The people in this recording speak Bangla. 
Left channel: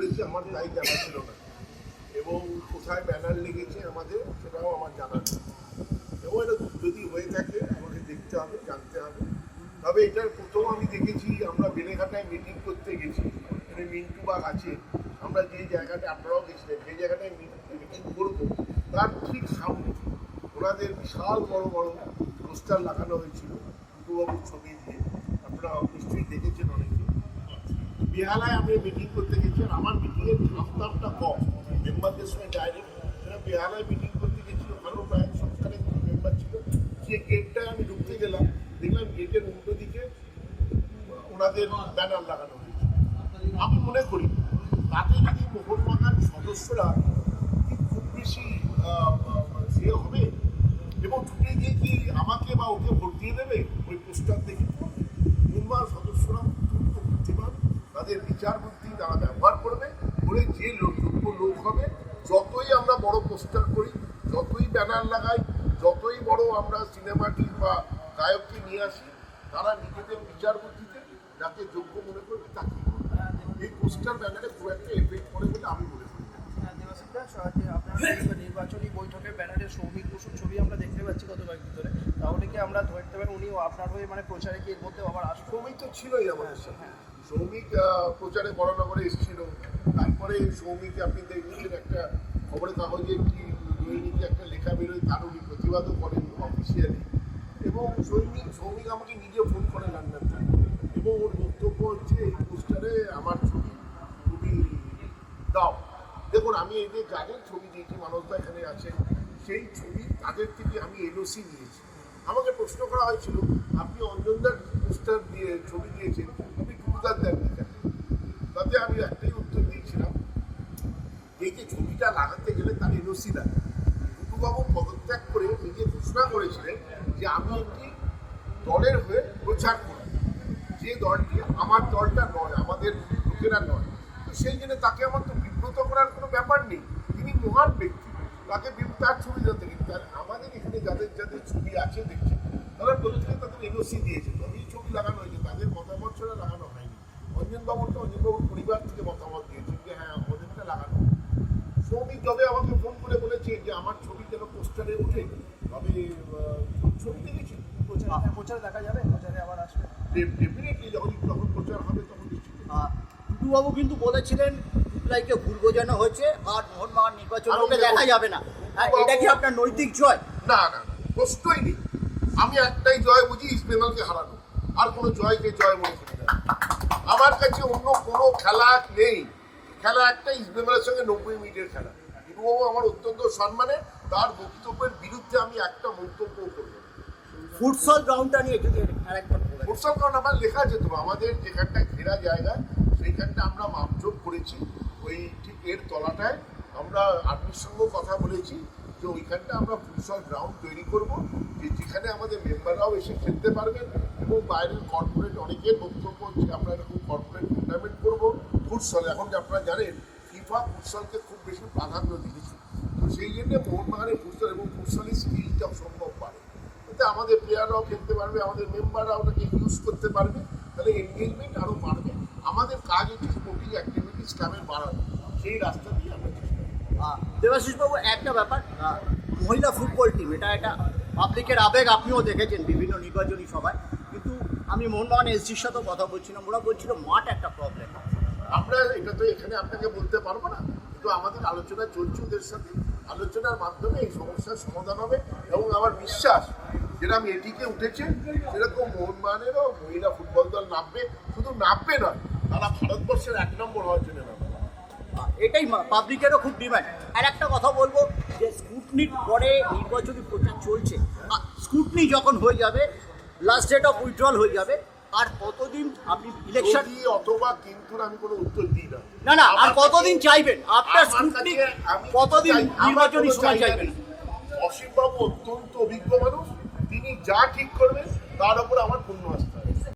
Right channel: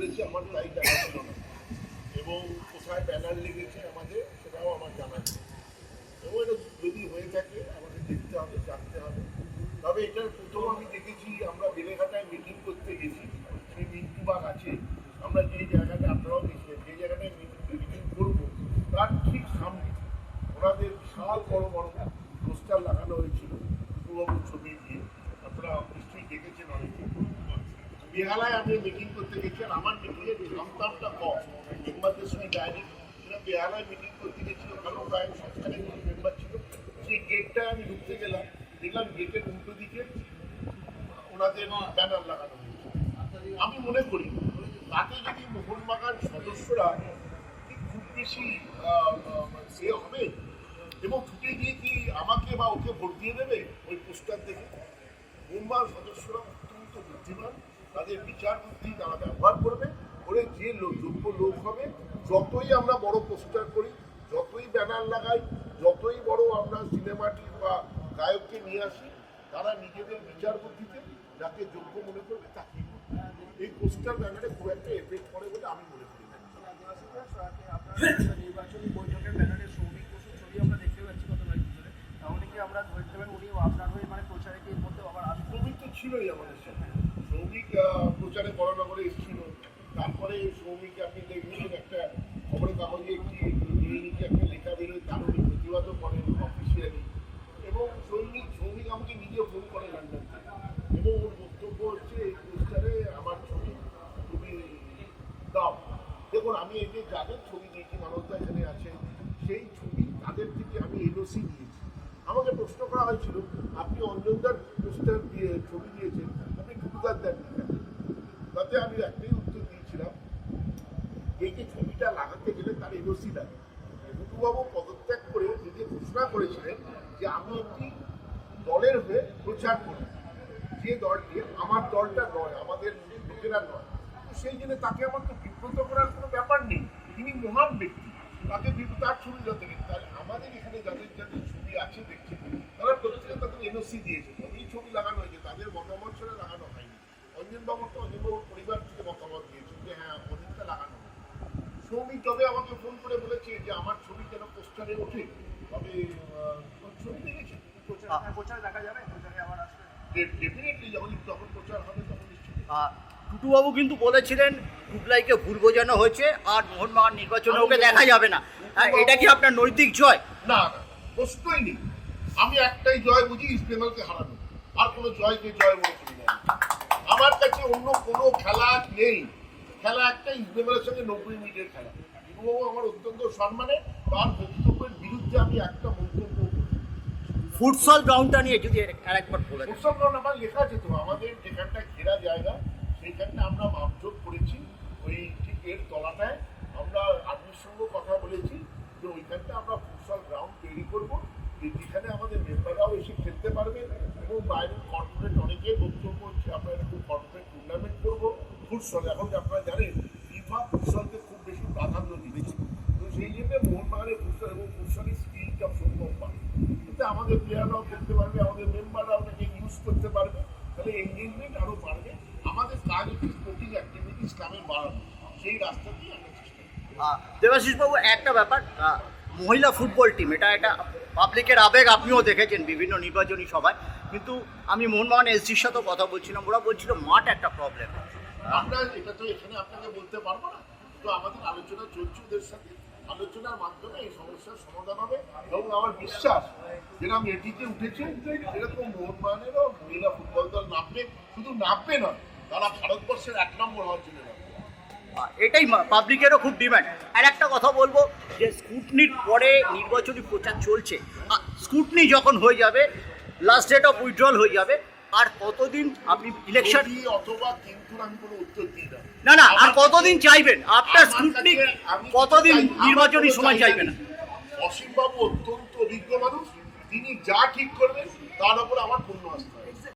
করেছে আমার তাই জানা ছিল না, এবং কোথায় ব্যানার লেগেছে আমাদের সেটাও আমার জানা নেই। এবং এটা যদি হয়ে থাকে আমাকে দেখতে হবে, জানতে হবে। তবে এটার প্রথম আমি দেখেছি, আমরা বেলেঘাটায় মিটিং করতে গেছি, এখানে মিন্টু বাগ আছে, আমরা যে জায়গাটা, আপনারাও গেছিলেন, যে জায়গাটায় মিটিং করবো তার ঠিক সামনে ওনাদের বিশাল বড় বড় পোস্টার লাগানো হয়েছিল টুটুবাবুর ছবি দিয়ে। আপনারা নিশ্চয়ই দেখেছেন অনেকে। বেহালায় আমি মিটিং করতে গেছি, আর আমার মিটিংয়ের দামটা কম, মেম্বারদের সঙ্গে ডাইরেক্ট। সেটা বেহালায় মিটিং করতে গেছি, ওখানেও প্রায় সবখানে মেম্বার ছিল। যে গেটটায় আমি ঢুকতে গেলাম, দেখলাম গেটের উল্টো দিকে ওনাদের ব্যানার লাগানো হয়েছে। আমি মনে করি তাতে যদি মোহনবাগান সদস্যরা কি খুব বেশি সে হবে এবং ঢুকে গিয়ে কি আমাকে বা ওকে ভোট দিয়ে দেবে ওই পোস্টার দেখে? মোহনবাগান সদস্যরা অত্যন্ত বুদ্ধিমান, তাদের বিচার বুদ্ধি তারা ব্যবহার করবে, করে যে যোগ্য লোক হবে, যতই আমরা বড় পোস্টার করি, যতই ব্যানার লাগাই, যতই বড় আমরা সিনেমাটিক বা গায়ককে নিয়ে আসি, তারা নিজেদের বিচার বুদ্ধিতে যাকে যোগ্য মনে করবে তাকেই করবে। এই পোস্টার ব্যানারে খুব একটা এফেক্ট পড়ে বলে আমি মনে করি না। নির্বাচনী বৈঠকে ব্যানারের সৌমিক বসুর ছবি আমরা দেখতে পাচ্ছি গত কয়েকদিন ধরে, তাহলে কি আমরা ধরতে পারি উনি আপনার হয়ে মানে প্রচারে কি এর মধ্যে আবার আসবে? সৌমিক তো ছিলই আমাদের সাথে, সৌমিক প্রচারে বড়নগরে এসেছিল। তারপরে সৌমিক আপনি দেখবেন একটা খবরের কাগজে একটি দৈনিকে একটা লেখা বেরোয়, তার উনি প্রতিবাদও করেন অফিসিয়ালি। এবং সৌমিক আমাকে নিজে ফোন করে লন্ডন থেকে, এবং ওর বক্তব্য হচ্ছে এই পোস্টারে আমার ছবি খুবই দাও। দেখুন, আমি এই যে যাদের ছবি দিয়েছি, মানবদা এখানে আছেন, সেই ছবি তাদের থেকে আমি এনওসি নিয়েছি। আমাকে প্রশ্ন করা হয়েছিল, আপনি অঞ্জনদার পোস্টার দিয়ে ছবি দিয়েছেন, আপনি টুটুদার দেননি কেন? তাতে আমি একটাই উত্তর দিয়েছিলাম, এই যে ছবিটা লাগাতে গেলে তার এনওসি লাগে। টুটুবাবু পদত্যাগ করে নিজে ঘোষণা করেছিলেন যে আমি একটি দলের হয়ে প্রচার করব, যে দলটি আমার দলটা নয়, আমাদের লোকেরা নয়। তো সেই জন্য তাকে আমার তো বিব্রত করার কোনো ব্যাপার নেই, তিনি মহান ব্যক্তি, তাকে তার ছবি যাতে, তার আমাদের এখানে যাদের যাদের ছবি আছে দেখছি, তারা প্রত্যেকে তাদের এনওসি দিয়েছে, তবেই ছবি লাগানো হয়েছে, তাদের মতামত ছাড়া লাগানো হয়নি। অঞ্জনবাবুর পরিবার থেকে মতামত দিয়েছে যে হ্যাঁ ওদেরটা লাগানো। সৌমিক যবে আমাকে ফোন করে বলেছে যে আমার ছবি যেন পোস্টারে ওঠে, তবে ছবি দেখেছি প্রচারে দেখা যাবে, প্রচারে আবার আসবে ডেফিনেটলি। যখন প্রচার হবে তখন নিশ্চয়ই। টুটুবাবু কিন্তু বলেছিলেন টুটলাইকে ভুল বোঝানো হয়েছে আর মোহনবাগান নির্বাচনে ওকে দেখা যাবে না। এটা কি আপনার নৈতিক জয়? না না, প্রশ্নই নেই। আমি একটাই জয় বুঝি, ইস্ট বেঙ্গলকে হারানো, আর কোনো জয়কে জয় মনে করি না। আমার কাছে অন্য কোনো খেলা নেই, খেলা একটা ইস্ট বেঙ্গলের সঙ্গে 90 মিনিটের খেলা। টুটুবাবু আমার অত্যন্ত সম্মানে, তার বক্তব্যের বিরুদ্ধে আমি একটা মন্তব্য করব। ফুটসল গ্রাউন্ডটা নিয়ে যদি আরেকবার বলেন। ফুটসল গ্রাউন্ড আমার লেখা আছে তো, আমাদের যেখানটা ঘেরা জায়গা সেইখানটা আমরা মাপজোপ করেছি, ওই ঠিক এর তলাটায় আমরা আর্মির সঙ্গে কথা বলেছি যে ওইখানটা আমরা ফুটসল গ্রাউন্ড তৈরি করব, যেখানে আমাদের মেম্বাররাও এসে খেলতে পারবেন, এবং বাইরের কর্পোরেট অনেকের বক্তব্য হচ্ছে আমরা এরকম কর্পোরেট টুর্নামেন্ট করবো ফুটসল। এখন যে আপনারা জানেন ফিফা ফুটসলকে খুব বেশি প্রাধান্য দিয়েছে, তো সেই জন্য মোহনবাগানের ফুটসল এবং ফুটসলের স্কিলটাও সম্ভব পারে, তাতে আমাদের প্লেয়াররাও খেলতে পারবে, আমাদের মেম্বাররাও ওটাকে ইউজ করতে পারবে, তাহলে এনগেজমেন্ট আরও বাড়বে। আমাদের কাজ হচ্ছে স্পোর্টিং অ্যাক্টিভিটিস ক্লাবের বাড়ানো, সেই রাস্তা দিয়ে আমরা চেষ্টা করি। দেবাশিসবাবু, একটা ব্যাপার, মহিলা ফুটবল টিম এটা পাবলিকের আবেগ, আপনিও দেখেছেন বিভিন্ন নির্বাচনী সভায়, কিন্তু আমি মোহনবাগান এসজির সাথেও কথা বলছিলাম, ওরা বলছিল মাঠ একটা প্রবলেম। আমরা এটা তো এখানে আপনাকে বলতে পারবো না, কিন্তু আমাদের আলোচনা চলছে ওদের সাথে, আলোচনার মাধ্যমে এই সমস্যার সমাধান হবে। এবং আমার বিশ্বাস যেরকম এটিতে উঠেছে সেরকম মোহনবাগানেরও মহিলা ফুটবল দল নামবে, শুধু নামবে নয়, তারা ভারতবর্ষের 1 নম্বর হওয়ার জন্য নামবে। এটাই পাবলিকেরও খুব ডিমান্ড। আর একটা কথা বলবো যে স্কুটনির পরে নির্বাচনী প্রচার চলছে, স্কুটনি যখন হয়ে যাবে, লাস্ট ডেট অফ উইথড্রল হয়ে যাবে, আর কতদিন আপনি ইলেকশন অথবা কিন্তু আমি কোনো উত্তর দিই না। না, আর কতদিন চাইবেন আপনার স্কুটনি, কতদিন নির্বাচনী সময় চাইবেন? অসীমবাবু অত্যন্ত অভিজ্ঞ মানুষ, তিনি যা ঠিক করবেন তার উপর আমার পূর্ণ আস্থা।